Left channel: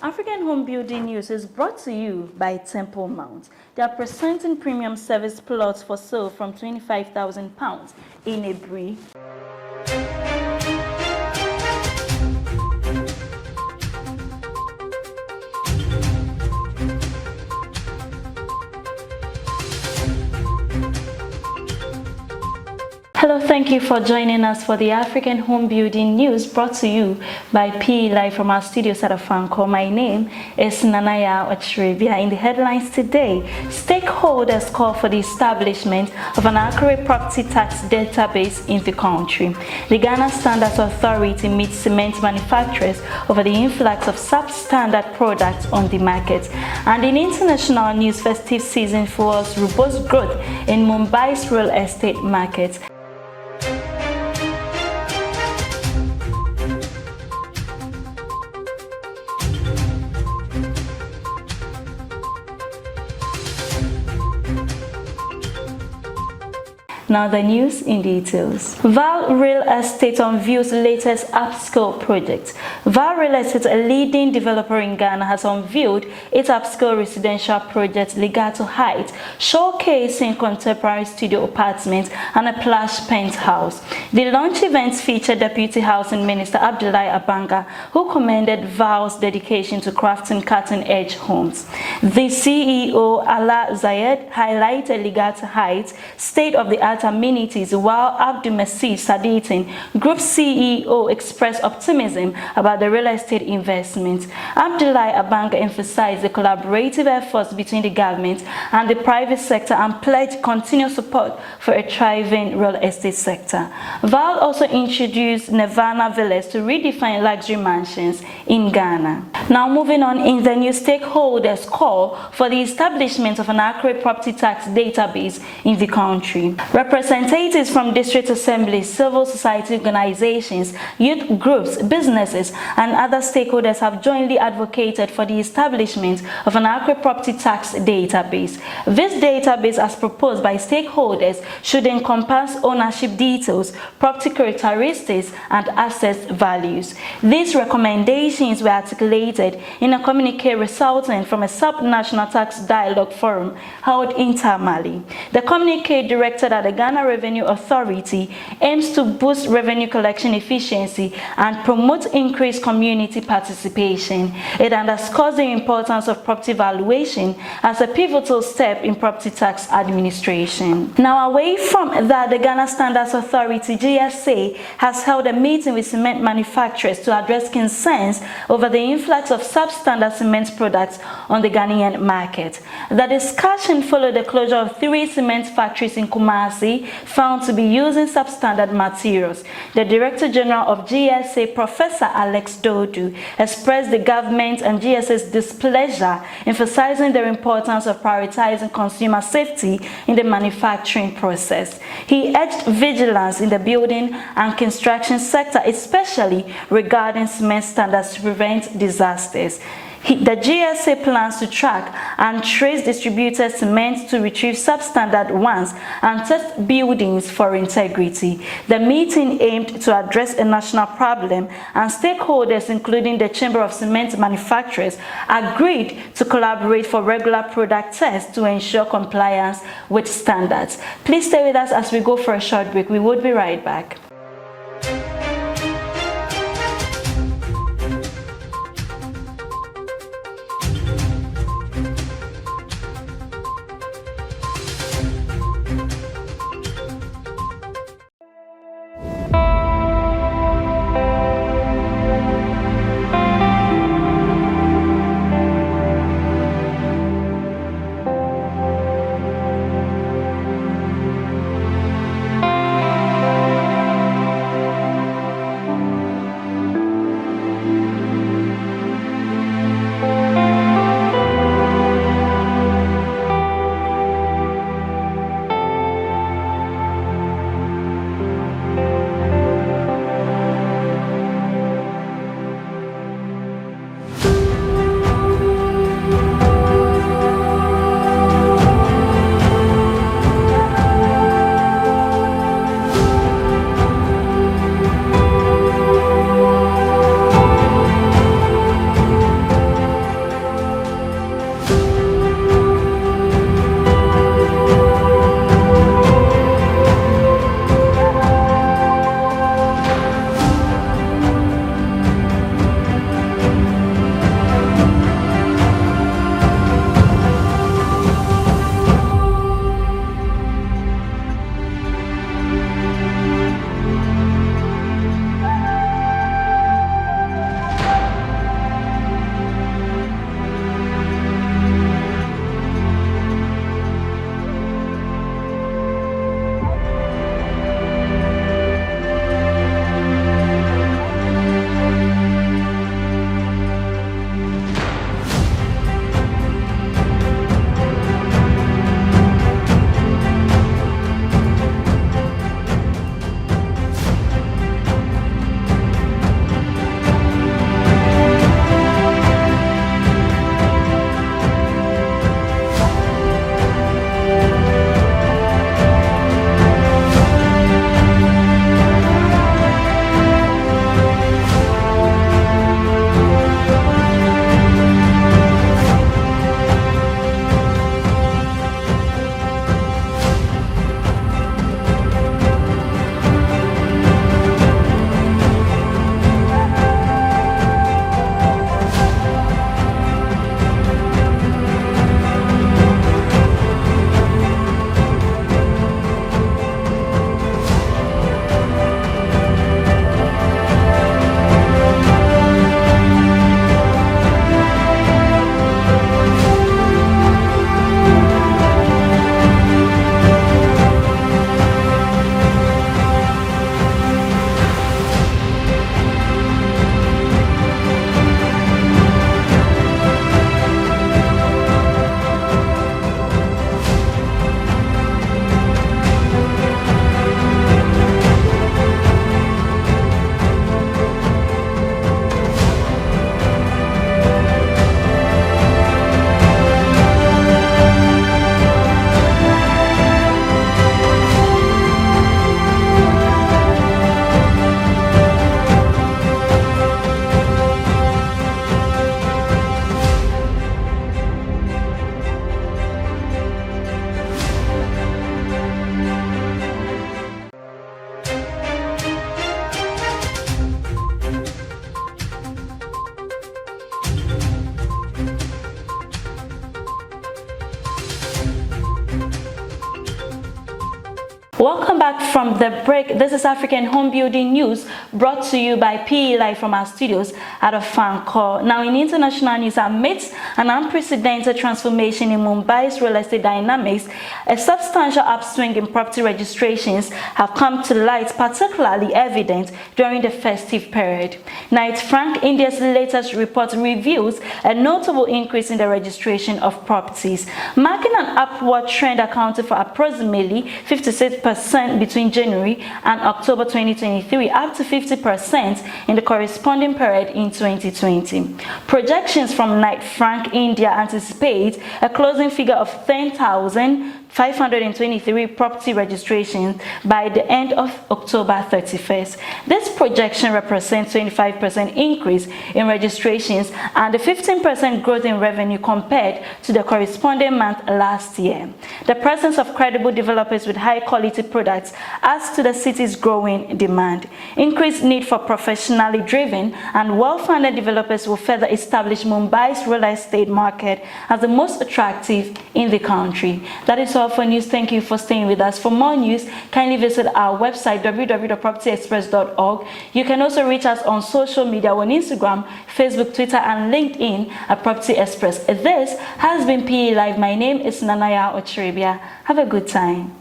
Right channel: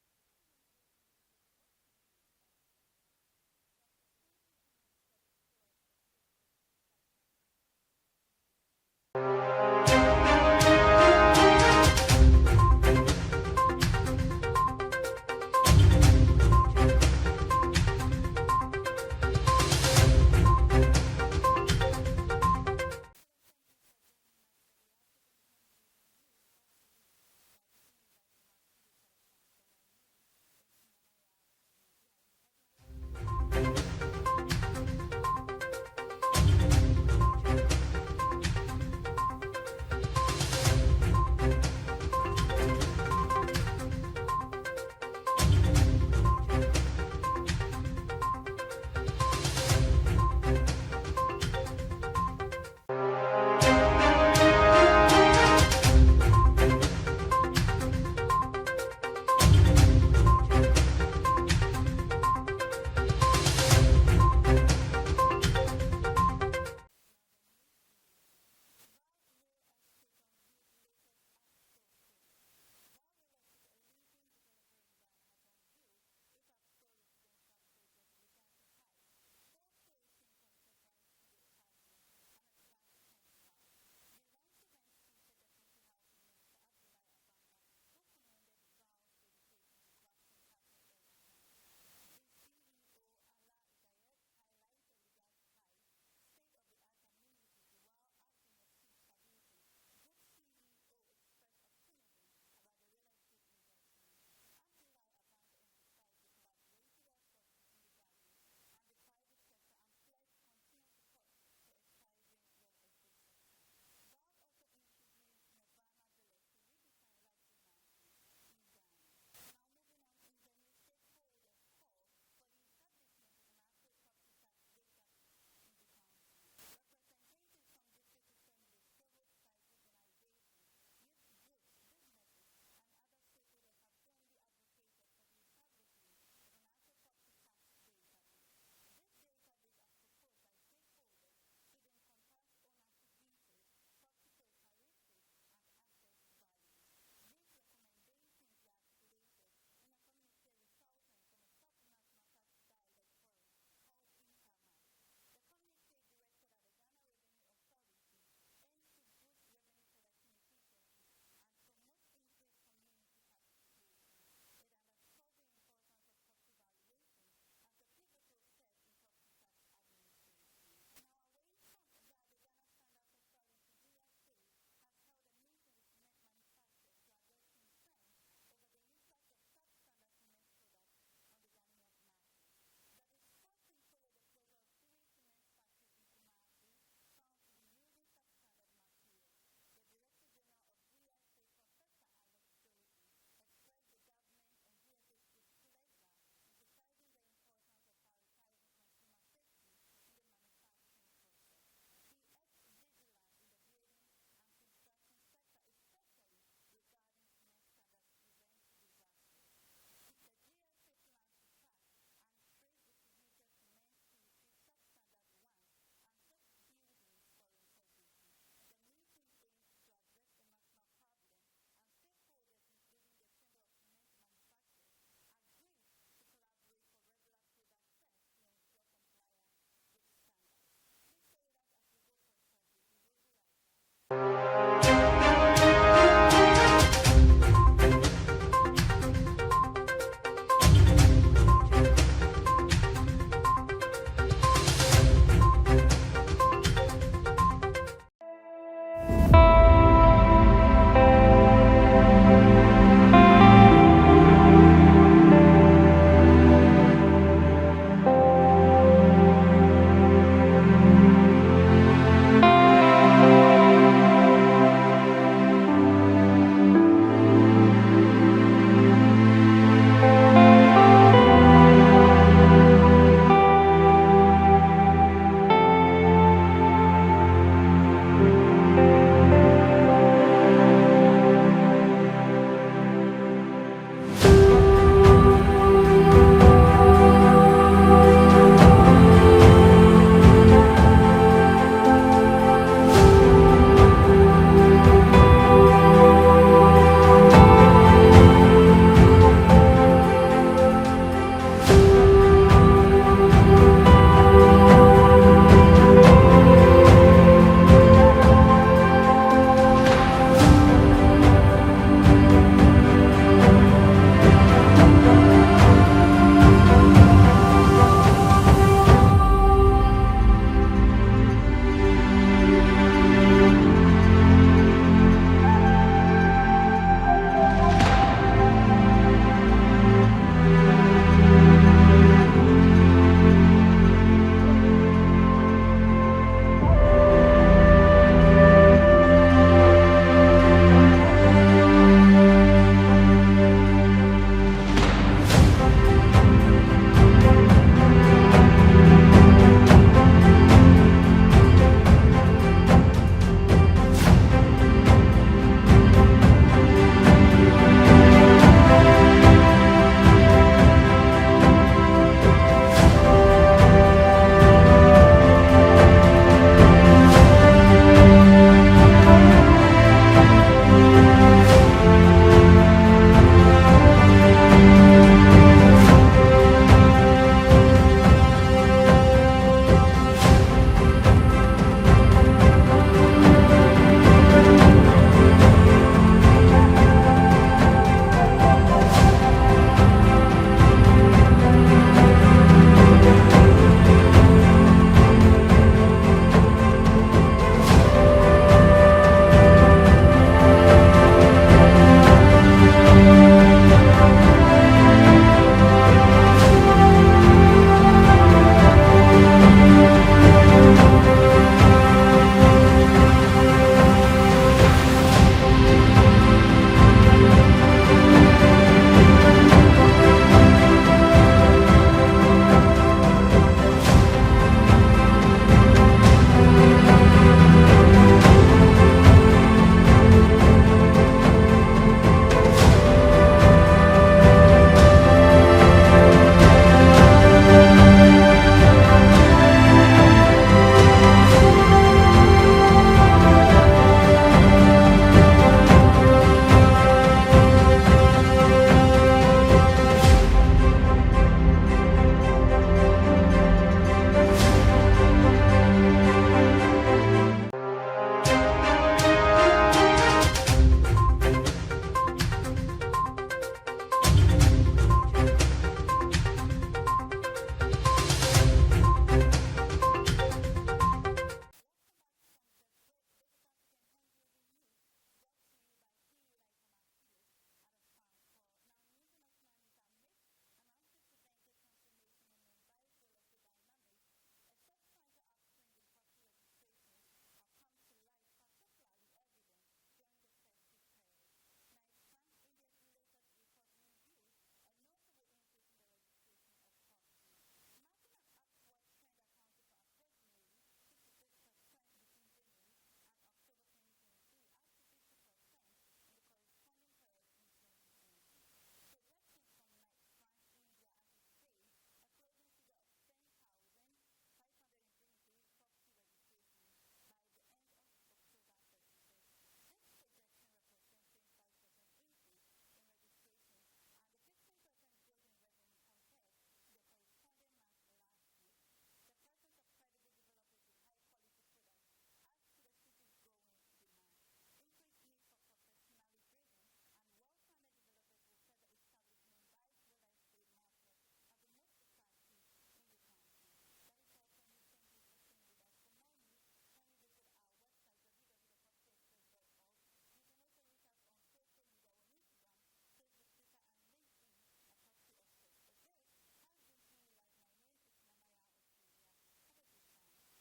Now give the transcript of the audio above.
African Home Building News is brought to you by Temple Mount. They are presenting premium service plots for sale from £25,000 in Ebri. Hello, thank you for joining us for the African Home Building News brought to you by PE Live from our studios at Afanko. My name is Nanaya Ochiribia. In the headlines today, stakeholders call for the establishment of an accurate property tax database in the country. The Ghana Standards Authority meets cement manufacturers over the influx of substandard products on the market. And in international news, festive season fuels robust growth in Mumbai's real estate market. Now the news in details. Val Real Estate unveils latest upscale project. Val Real Estate, a leading developer in Ghana, has unveiled its upscale residential project Legato Heights, showcasing contemporary studio apartments and a plush penthouse. The launch events featured Deputy Housing Minister Abdullahi Abanga, who commended Val's dedication to crafting cutting-edge homes. The CEO, Ala Zayed, highlighted Legato Heights' state-of-the-art amenities, while Abdulmasih Saditin, Group CEO, expressed optimism about the real estate investment. Abdullahi Abanga emphasized the collaborative efforts between the government and the private sector and pledged continued support for a thriving real estate sector. Val also introduced Nirvana Villas to redefine luxury mansions in Ghana. Now moving on, in the news, stakeholders call for the establishment of an accurate property tax database in the country. Representatives from district assemblies, civil society organizations, youth groups, businesses, and other stakeholders have jointly advocated for the establishment of an accurate property tax database. This database, as proposed by stakeholders, should encompass ownership details, property characteristics, and asset values. These recommendations were articulated in a communique resulting from a sub-national tax dialogue forum held in Tamale. The communique, directed at the Ghana Revenue Authority, aims to boost revenue collection efficiency and promote increased community participation. It underscores the importance of property valuation as a pivotal step in property tax administration. Now, away from that, the Ghana Standards Authority, GSA, has held a meeting with cement manufacturers to address concerns over the influx of substandard cement products on the Ghanaian market. The discussion followed the closure of 3 cement factories in Kumasi, found to be using substandard materials. The Director General of GSA, Professor Alex Dodu, expressed the government and GSA's displeasure, emphasizing the importance of prioritizing consumer safety in the manufacturing process. He urged vigilance in the building and construction sector, especially regarding cement standards, to prevent disasters. The GSA plans to track and trace distributed cement to retrieve substandard ones and test buildings for integrity. The meeting aimed to address a national problem, and stakeholders, including the Chamber of Cement Manufacturers, agreed to collaborate for regular product tests to ensure compliance with standards. Please stay with us as we go for a short break. We will be right back. from the break, this is African Home Building News, brought to you by PE Live from our studios at a fan call. Now, in international news, amidst an unprecedented transformation in Mumbai's real estate dynamics, a substantial upswing in property registrations have come to light, particularly evident during the festive period. Knight Frank, India's latest report, reveals a notable increase in the registration of properties, marking an upward trend accounting for approximately 56% between January and October 2023, up to 50% in the corresponding period in 2020. Projections from Knight Frank India anticipate a closing figure of 10,523 property registrations by the end of October 31st. This projection represents 25% increase in registrations and a 15% growth in revenue compared to the corresponding month last year. The presence of credible developers with high-quality products adds to the city's growing demand. Increased need for professionally driven and well-funded developers will further establish Mumbai's real estate market as the most attractive in the country. That is all for news. Thank you for staying with us. For more news, kindly visit our website www.propertyexpress.org. You can also reach us on social media on Instagram, Facebook, Twitter, and LinkedIn at Property Express. This has been PE Live. My name is Nanaya Ochiribia. Have a good time.